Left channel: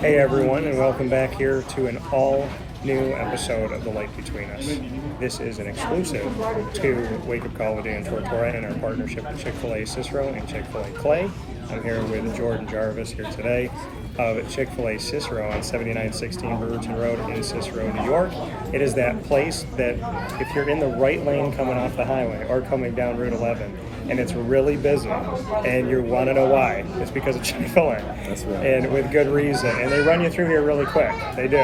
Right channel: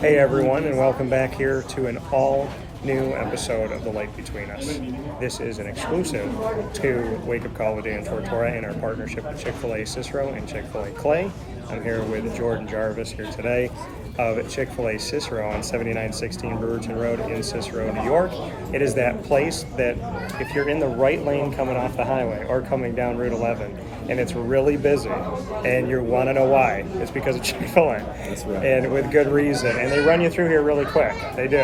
Hey everyone, and welcome back here to an all-new episode of The Light Between Us. This is an exclusive to Wake Up Call with Dan Tortora in our partnership with Chick-fil-A Cicero and Chick-fil-A Clay. I'm here with Jordan Jarvis here today of Chick-fil-A Cicero on 7916 Brewerton Rd in Cicero, New York. It is that place that if you're in the right lane coming off the highway or coming down Route 11 and it's really busy and you want to know why, it's because of Chick-fil-A. That's right. And with good reason. And they run you through here really quick. They do.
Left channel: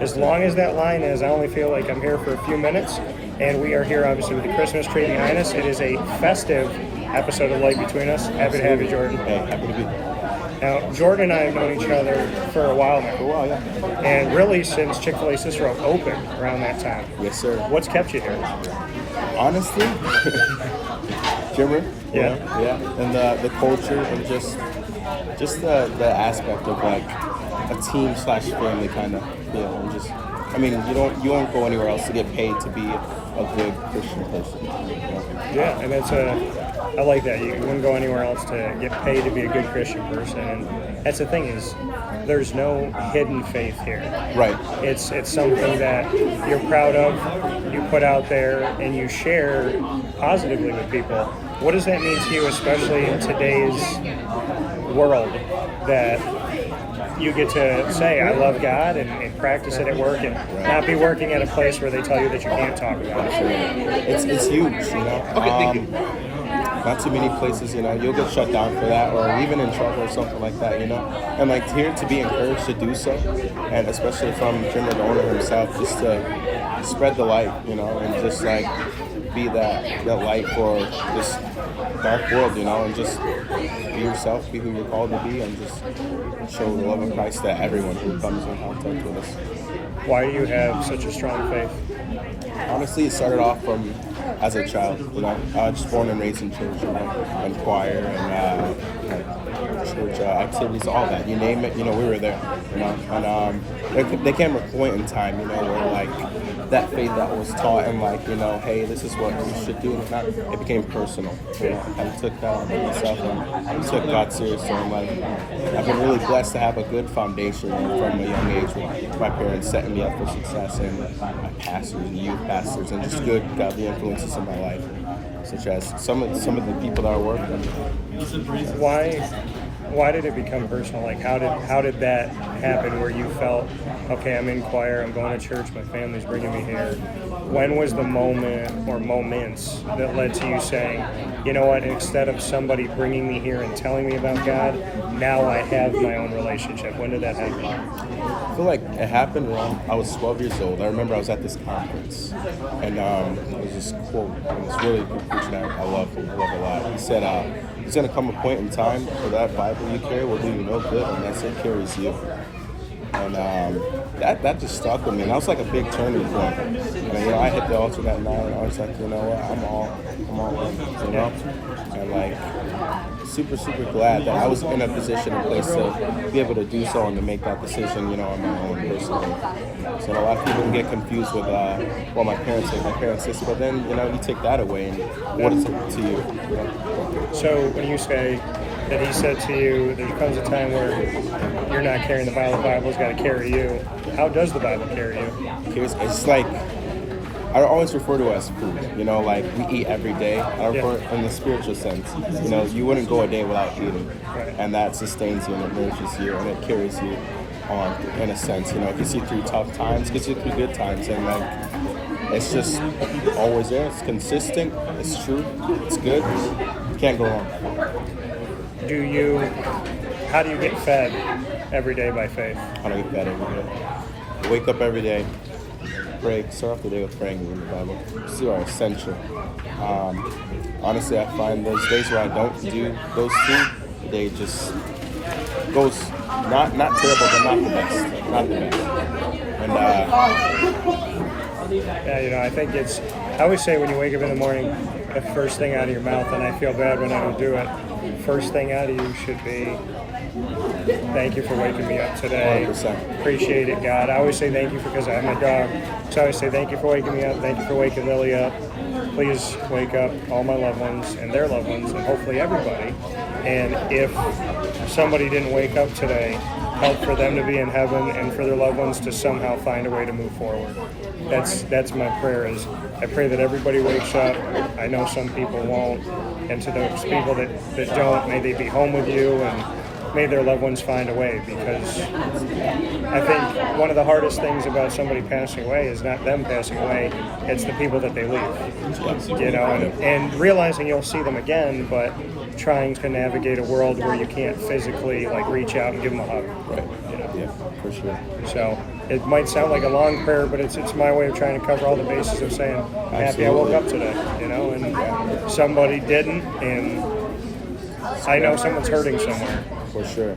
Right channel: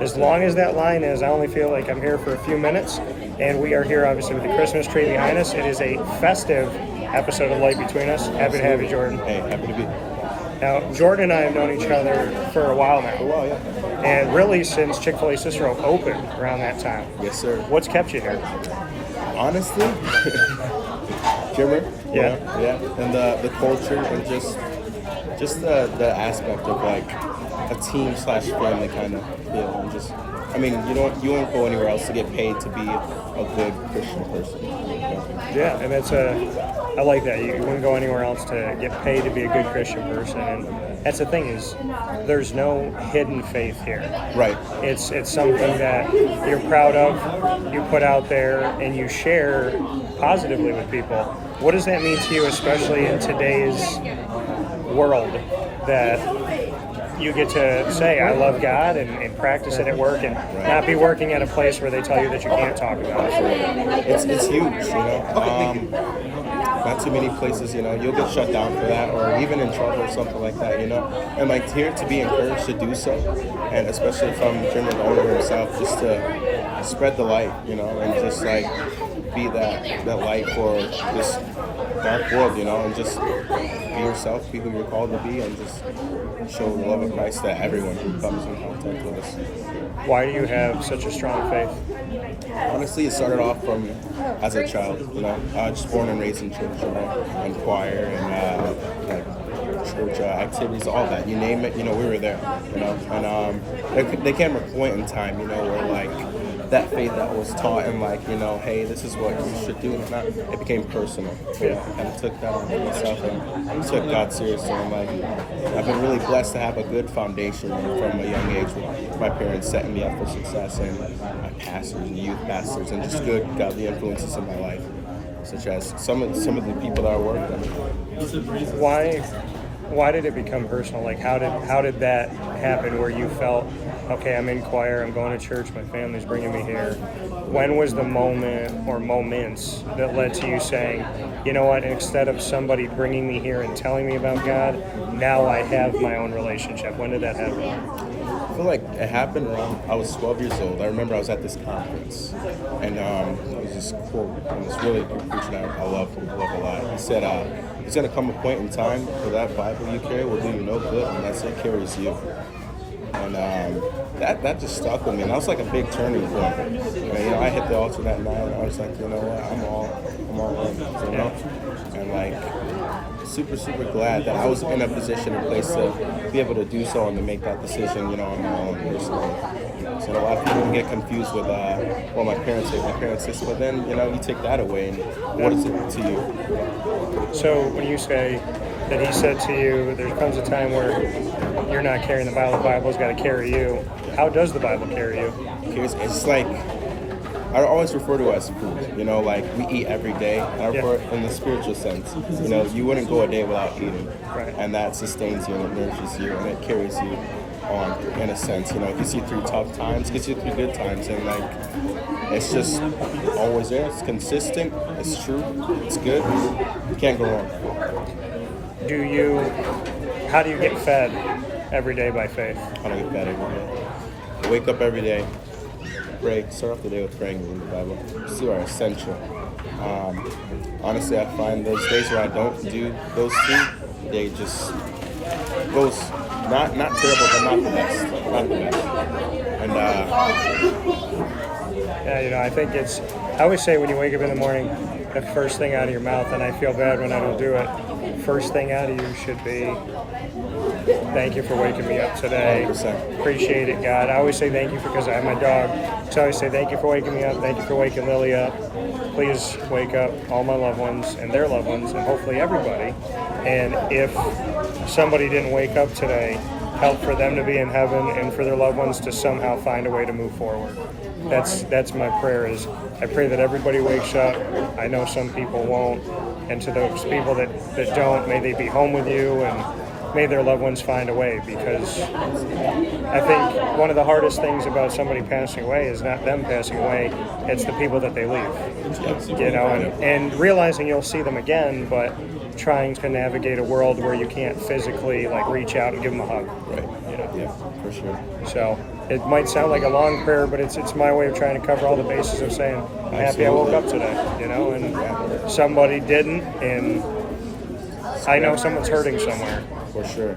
As long as that line is, I only feel like I'm here for a few minutes. And we are here obviously with the Christmas tree behind us. It is a festive episode of Light Between Us. Happy to have you, Jordan. Hey, happy to be here. Now, Jordan and I have known each other for a while now. For a while, yeah. And really since Chick-fil-A Cicero opened around that time. Yes, sir. What's kept you here? Honestly, Jimmer. Yeah. Yeah. And the culture and just the aspect of like a team / family kind of feel, and just, I mean, you won't go anywhere else to get paid to be a good Christian person. You know? Yeah, and that's I like that. You wouldn't go anywhere else to get paid to be a good Christian person, and that's the thing is, there's no hidden faith here. Right. It's something that you're proud of, you put out there, and you share positively with people. What does that mean to you, especially in today's world, that you get to say, I love God, and practice it at work, and not be working at a place where they tell you that you can't talk about it? It's huge, you know. Not too many places, you know, you'll get shut down for that or even in trouble or something like that, you know. And like here to be encouraged to do so, and especially from Jimmer, the owner himself, just to spread the light, you know, and just like be that light for this dark world, you know, and just be yourself, be who you're called to be, and just show the love of Christ to everyone who comes in contact with us. Why do you have such a strong faith? Honestly, it started off from as a child, you know, just born and raised in church, you know, and choir and like church activities, all that, you name it, you know, we were there, you know, and there came a point in time, you know, where like that faith that was taught and like, you know, hey, this is what you should do, and it became personal, you know. I kind of took that on myself and took God seriously. I'm like, I've been really blessed to have a good foundation, you know, from a young age with my parents setting me up for success, and my pastors and youth pastors, and just good godly influences in my life, such as some of the people that I work with. Why did it become personal? Like, how did that happen where you felt, okay, I'm in choir, I'm going to church, my family's bringing me here? When was the moment or moments that led to you saying, you know what, instead of somebody bringing me here and telling me about God, now I have my own relationship? When did that happen? I feel like it happened around, I was 12 years old. I remember I was at this conference, and it was this quote, and this really good preacher I love a lot. He said, there's going to come a point in time where that Bible you carry will do you no good unless it carries you. And that just stuck with me, and that was like a big turning point. And you know, I hit the altar that night, and I was like, you know what, I'm all in, you know, and like super glad that I was in a position and place to be able to do so and to make that decision, you know, on my own personally. So a lot of people can get confused with, well, my parents this, but then, you know, you take that away, and what is it to you? You know? So when you say that he said to you, there comes a time where you're not carrying the Bible's got to carry you. How does the Bible carry you? It's like, I always refer to it as food, you know, like we eat every day. I refer in the spiritual sense, you know, you wouldn't go a day without eating, and that sustains you and it nourishes you and it carries you on in a sense, you know. It gets you through tough times, gets you through good times, and like it's just always there. It's consistent, it's true, it's good, you can't go wrong. How do you get fed every day by faith? How do I get fed every day? I wake up every day, pray, start off the day with praying in the Bible. These are essential. Honestly, I find those days where I don't do those two, the day just goes not terrible, but not the best. And yeah, you know, I think I always say when you wake up in the morning, the first thing out of your mouth, and I feel bad when I don't do it, first thing out of you should be, thank you for waking me up today. 100%. Appreciate it, God. I always say thank you because I have my dog. So I always say thank you for waking me up. Thank you for waking Lily up. Please wake up all my loved ones and their loved ones and hopefully everybody. And if somebody didn't wake up today, help for them to be in heaven and for their loved ones to somehow find a way to move forward. That's my prayer. Is I pray that everybody wakes up. I know some people won't, and to those people that don't, may they be home with you, and may their loved ones find a way, because I think one of the hardest things about somebody passing away is not them passing away, it's the people that they leave. You know, and realizing you'll see them again, but trying to navigate a world where you can't physically like reach out and give them a hug. Right. You know? Yeah, for sure. So it might sound like a long prayer, but it's my way of trying to cover all the bases of saying, I'm happy I woke up today, you know, and somebody didn't, and I know someone's hurting somewhere. For sure.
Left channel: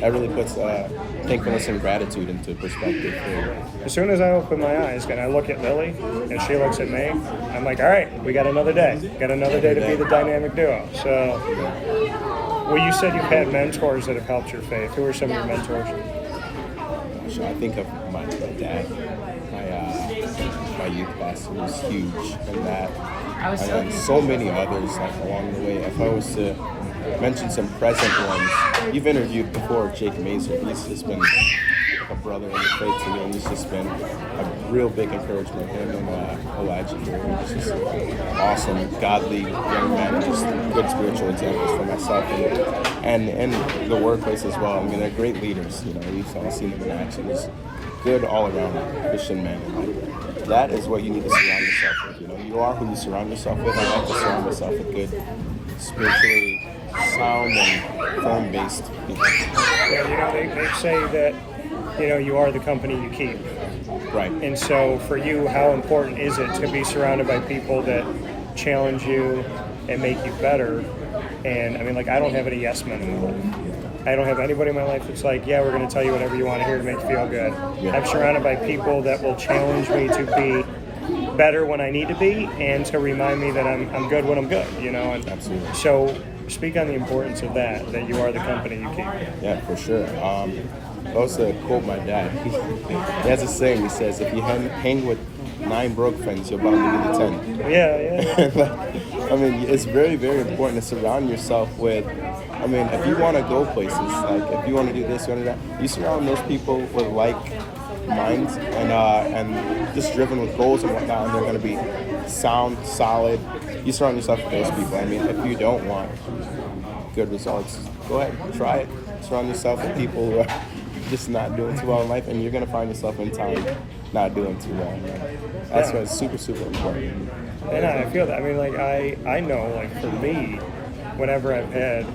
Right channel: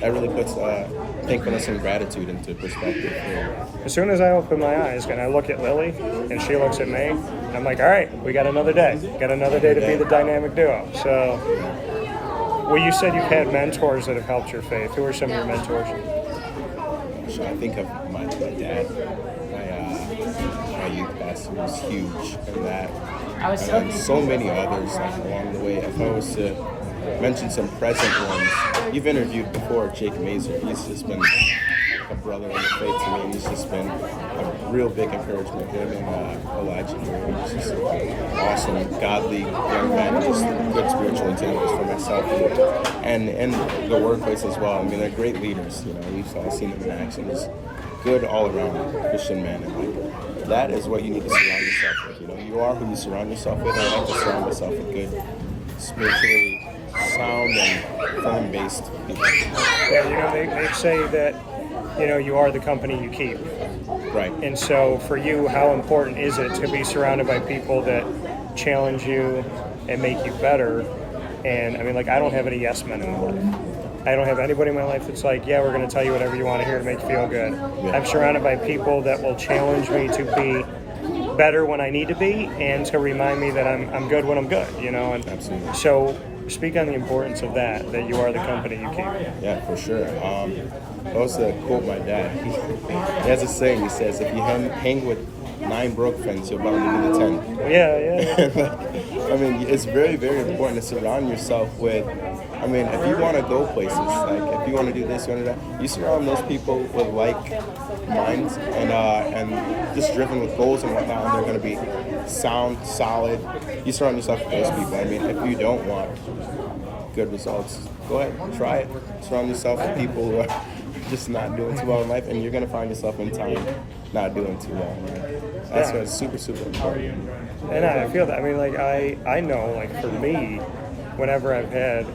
That really puts thankfulness and gratitude into perspective for you. As soon as I open my eyes and I look at Lily and she looks at me, I'm like, all right, we got another day. Got another day to be the dynamic duo. So, well, you said you've had mentors that have helped your faith. Who are some of your mentors? I think of my dad, my youth pastor was huge in that, and then so many others like along the way. If I was to mention some present ones, you've interviewed before Jake Mazer. He's just been like a brother in the faith to me, and he's just been a real big encouragement. Him and Elijah here, he's just an awesome, godly young man, and just good spiritual examples for myself and in the workplace as well. I mean, they're great leaders. You know, we've all seen them in action. Just good all-around Christian men, and like that is what you need to surround yourself with. You know, you are who you surround yourself with. I like to surround myself with good, spiritually sound and firm-based people. Yeah, you know, they say that, you know, you are the company you keep. Right. And so for you, how important is it to be surrounded by people that challenge you and make you better? And I mean, like, I don't have any yes men in my life. I don't have anybody in my life that's like, yeah, we're going to tell you whatever you want to hear to make you feel good. Yeah. I'm surrounded by people that will challenge me to be better when I need to be, and to remind me that I'm good when I'm good, you know? And absolutely. So speak on the importance of that you are the company you keep. Yeah, for sure. I was to quote my dad. He has a saying. He says, if you hang with 9 broke friends, you're bound to be the 10th. Yeah. Like, I mean, it's very, very important to surround yourself with, I mean, if you want to go places, like if you want to do this, you want to do that, you surround those people with like minds and just driven with goals and whatnot, and they're going to be sound, solid. You surround yourself with those people. I mean, if you don't want good results, go ahead, try it. Surround yourself with people who are just not doing too well in life, and you're going to find yourself in time not doing too well. Like, that's what's super, super important. And I feel that. I mean, like, I know, like, for me, whenever I've had,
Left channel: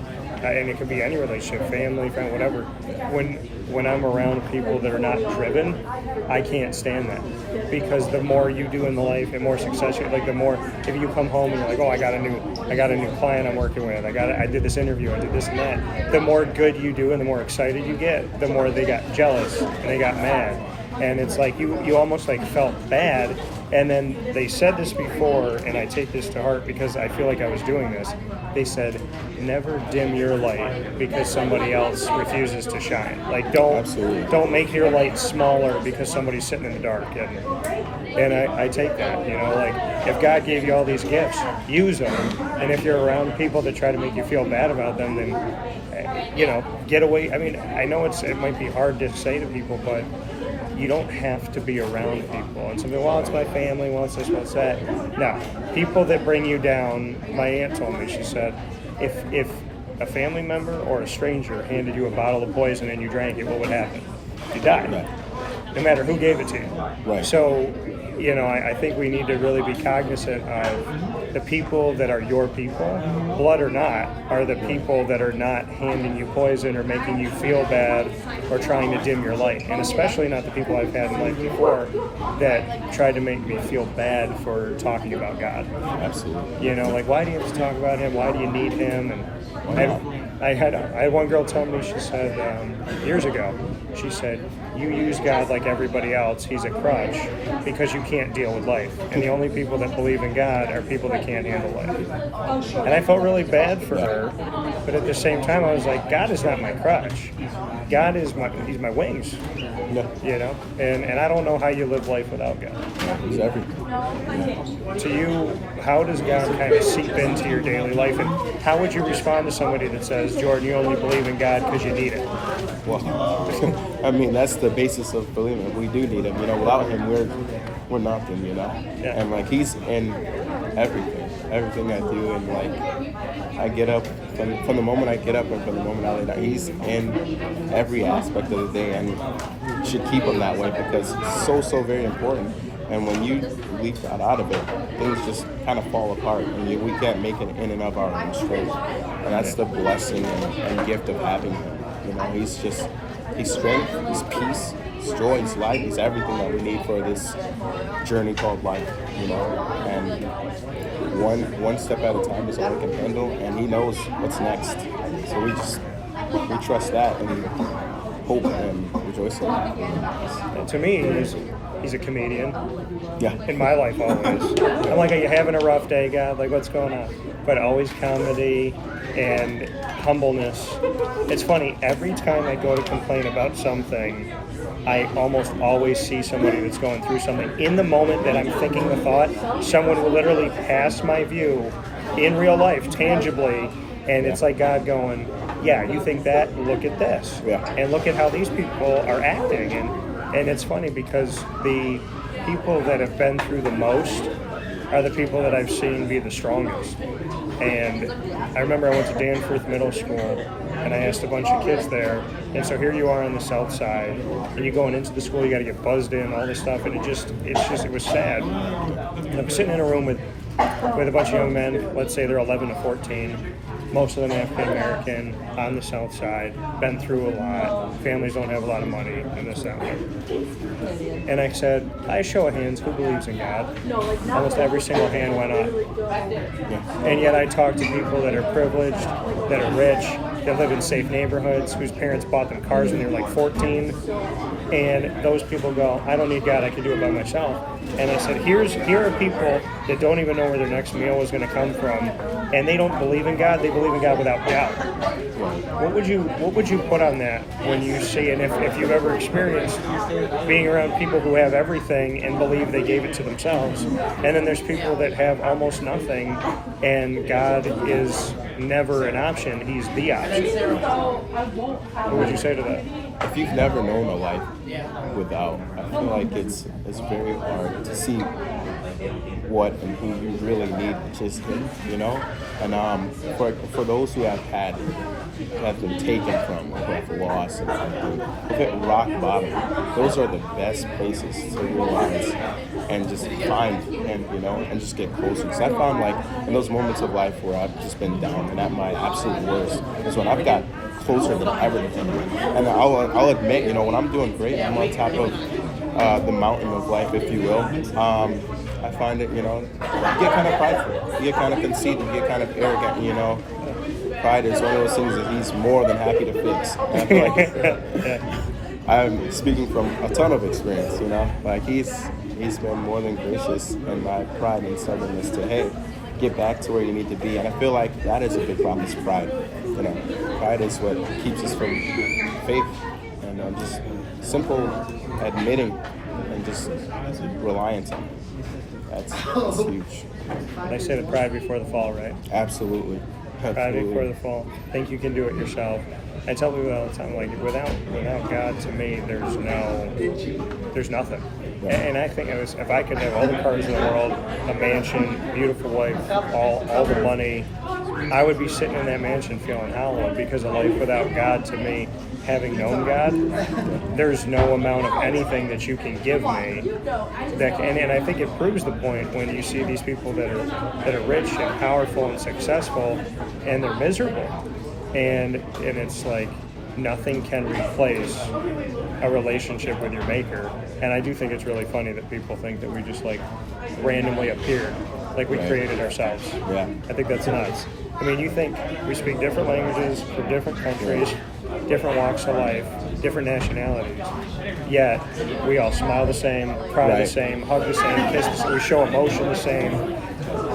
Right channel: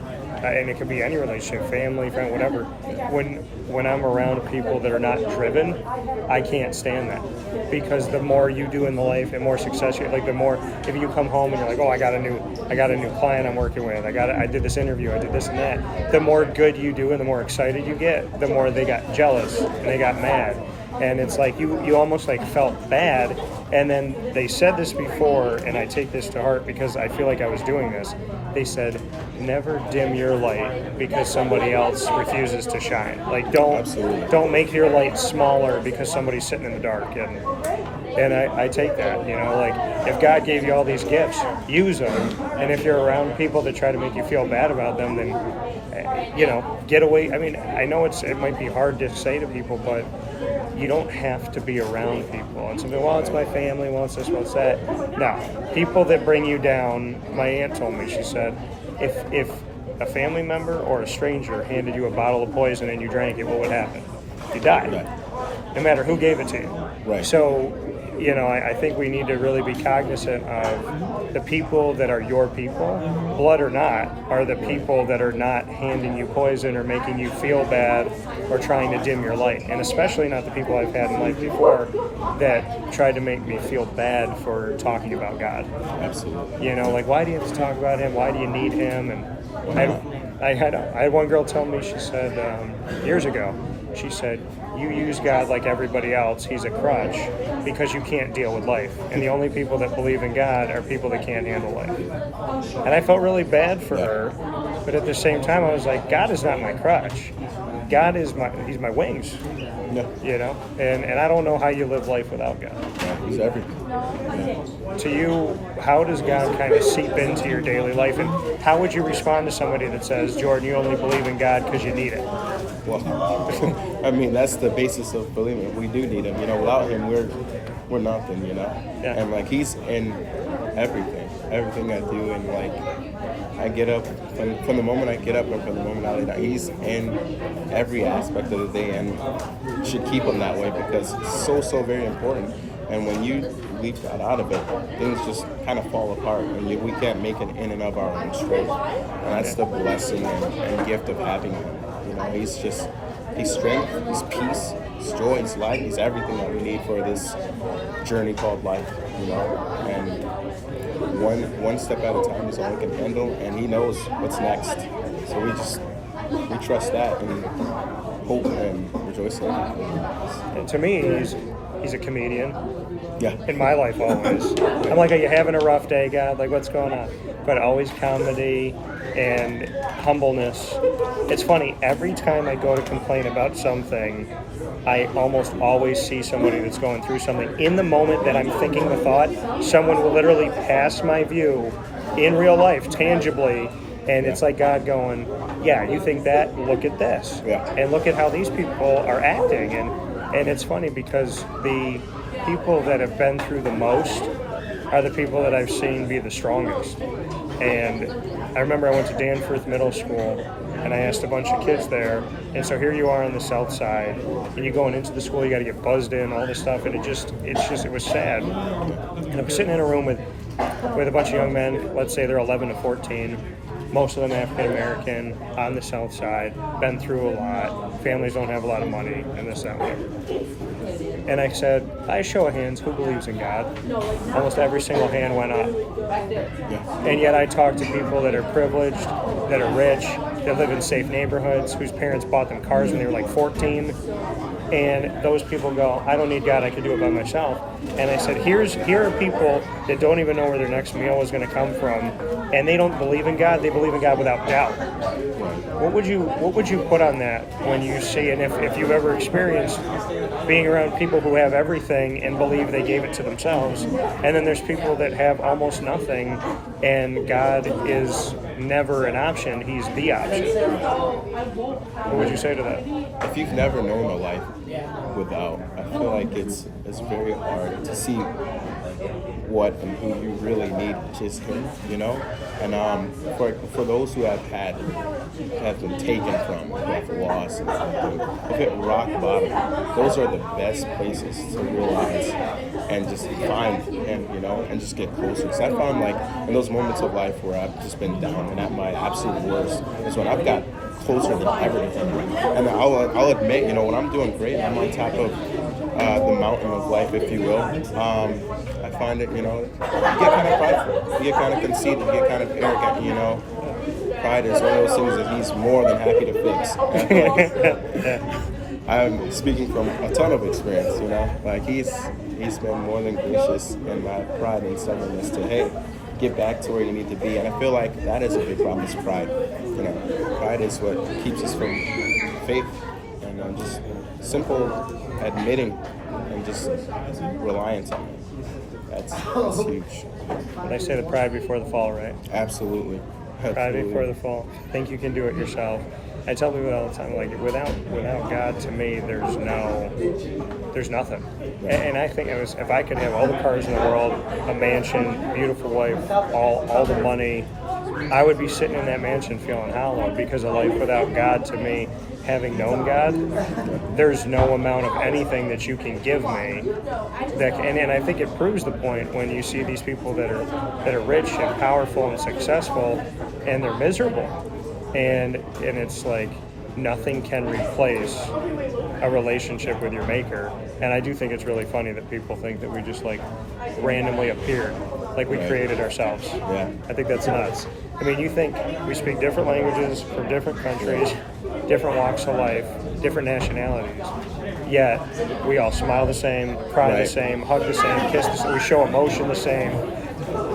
and it could be any relationship, family, friend, whatever, when I'm around people that are not driven, I can't stand that. Because the more you do in the life and more success you have, like the more, if you come home and you're like, oh, I got a new client I'm working with, I did this interview, I did this and that, the more good you do and the more excited you get, the more they got jealous and they got mad. And it's like you almost like felt bad. And then they said this before, and I take this to heart because I feel like I was doing this. They said, never dim your light because somebody else refuses to shine. Like, don't make your light smaller because somebody's sitting in the dark. And I take that, you know, like, if God gave you all these gifts, use them. And if you're around people that try to make you feel bad about them, then, you know, get away. I mean, I know it might be hard to say to people, but you don't have to be around people. And something, well, it's my family, well, it's this, well, it's that. No, people that bring you down, my aunt told me, she said, if a family member or a stranger handed you a bottle of poison and you drank it, what would happen? You died. Right. No matter who gave it to you. Right. So, you know, I think we need to really be cognizant of the people that are your people, blood or not, are the people that are not handing you poison or making you feel bad or trying to dim your light. And especially not the people I've had in life before that tried to make me feel bad for talking about God. Absolutely. You know, like, why do you have to talk about him? Why do you need him? And I had one girl tell me, she said, years ago, she said, you use God like everybody else. He's a crutch because you can't deal with life. And the only people that believe in God are people that can't handle life. And I felt really bad for her, but at the same time, I was like, God is not my crutch. God is he's my wings. Yeah. You know? And I don't know how you live life without God. Yeah, he's everything. Yeah. To you, how does God kind of seep into your daily life? And how would you respond to somebody that says, Jordan, you only believe in God because you need it? Well, I mean, that's the basis of believing. We do need him. You know, without him, we're nothing. You know, Yeah. and like he's in everything I do, and like I get up from the moment I get up and from the moment I lay down. He's in every aspect of the day, and you should keep him that way because it's so very important. And when you leave God out of it, things just kind of fall apart, and we can't make it in and of our own strength. And that's the blessing and gift of having him. You know, he's strength, he's peace, he's joy, he's light, he's everything that we need for this journey called life. You know, and one step at a time is all we can handle, and he knows what's next. So we trust that and hope and rejoice in it. Well, to me, he's a comedian. Yeah. In my life, always. I'm like, are you having a rough day, God? Like, what's going on? But always comedy and humbleness. It's funny, every time I go to complain about something, I almost always see somebody that's going through something. In the moment that I'm thinking the thought, someone will literally pass my view in real life, tangibly, and it's like God going, yeah, you think that? Look at this. Yeah. And look at how these people are acting. And it's funny because the people that have been through the most are the people that I've seen be the strongest. And I remember I went to Danforth Middle School, and I asked a bunch of kids there, and so here you are on the south side, and you're going into the school, you got to get buzzed in, all this stuff, and it was sad. And I'm sitting in a room with a bunch of young men, let's say they're 11 to 14, most of them African American, on the south side, been through a lot, families don't have a lot of money, and this, that, and I said, by show of hands, who believes in God? Almost every single hand went up. Yeah. And yet I talk to people that are privileged, that are rich, that live in safe neighborhoods, whose parents bought them cars when they were like 14. And those people go, I don't need God, I can do it by myself. And I said, here are people that don't even know where their next meal is going to come from, and they don't believe in God, they believe in God without doubt. Right. What would you put on that when you see, and if you've ever experienced being around people who have everything and believe they gave it to themselves, and then there's people that have almost nothing and God is never an option, he's the option. What would you say to that? If you've never known a life without, I feel like it's very hard to see what and who you really need, which is him, you know? And for those who have been taken from, or who have lost and everything, who hit rock bottom, those are the best places to realize and just find him, you know, and just get closer. Because I found, like, in those moments of life where I've just been down and at my absolute worst is when I've got closer than ever to him. And I'll admit, you know, when I'm doing great, I'm on top of the mountain of life, if you will, I find it, you know, you get kind of prideful, you get kind of conceited, you get kind of arrogant, you know. Pride is one of those things that he's more than happy to fix. And I feel like I'm speaking from a ton of experience, you know. Like he's been more than gracious in my pride and stubbornness to, hey, get back to where you need to be. And I feel like that is a big problem, is pride. You know, pride is what keeps us from faith and just simple admitting and just reliance on it. That's huge. I say the pride before the fall, right? Absolutely. Pride before the fall. Think you can do it yourself. I tell people all the time, like, without God, to me, there's nothing. And I think if I could have all the cars in the world, a mansion, beautiful wife, all the money, I would be sitting in that mansion feeling hollow, because a life without God, to me, having known God, there's no amount of anything that you can give me that and I think it proves the point when you see these people that are rich and powerful and successful, and they're miserable, and it's like nothing can replace a relationship with your maker. And I do think it's really funny that people think that we just like randomly appeared, like we created ourselves. Yeah. I think that's nuts. I mean, you think we speak different languages from different countries, different walks of life, different nationalities, yet we all smile the same, cry the same, hug the same, kiss the same, we show emotion the same.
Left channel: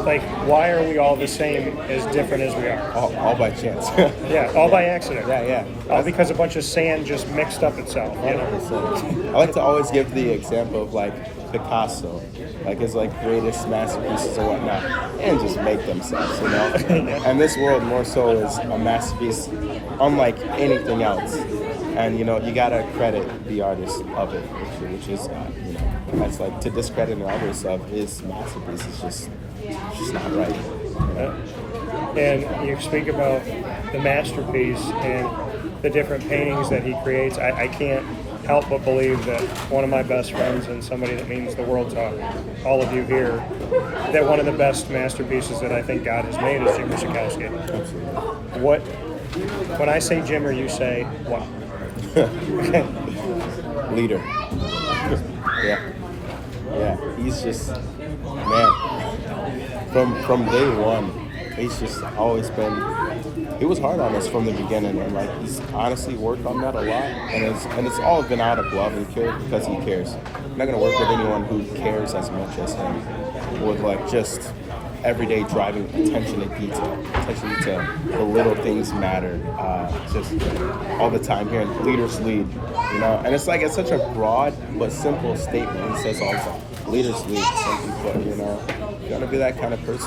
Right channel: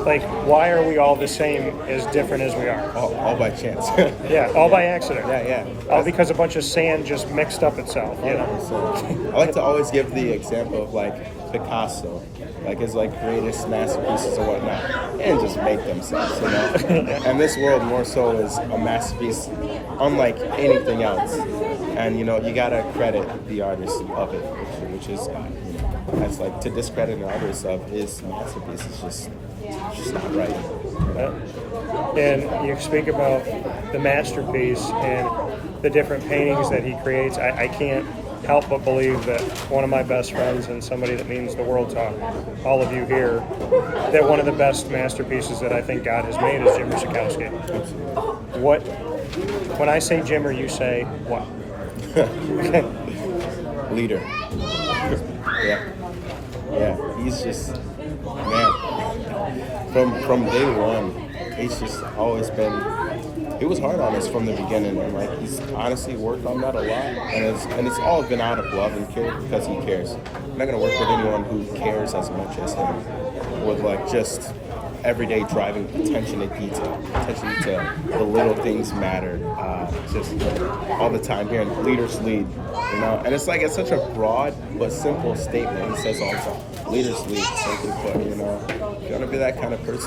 Like, why are we all the same, as different as we are? All by chance. Yeah, all by accident. Yeah. All because a bunch of sand just mixed up itself. 100%. I like to always give the example of like Picasso, like his like greatest masterpieces or whatnot, and just make themselves, you know. And this world more so is a masterpiece, unlike anything else. And you gotta credit the artist of it, which is God. That's like to discredit an artist of his masterpiece is just not right. And you speak about the masterpiece and the different paintings that he creates. I can't help but believe that one of my best friends and somebody that means the world to all of you here, that one of the best masterpieces that I think God has made is Jim Sikowski. Absolutely. When I say Jimmer, you say what? Leader. Yeah. He's just, man. From day one, he's just always been. He was hard on us from the beginning, and like he's honestly worked on that a lot, and it's all been out of love and care because he cares. I'm not gonna work with anyone who cares as much as him, with like just everyday driving attention to detail. The little things matter. Just all the time hearing leaders lead, and it's such a broad but simple statement. He says all the time, leaders lead, simply put. If you want to be that kind of person.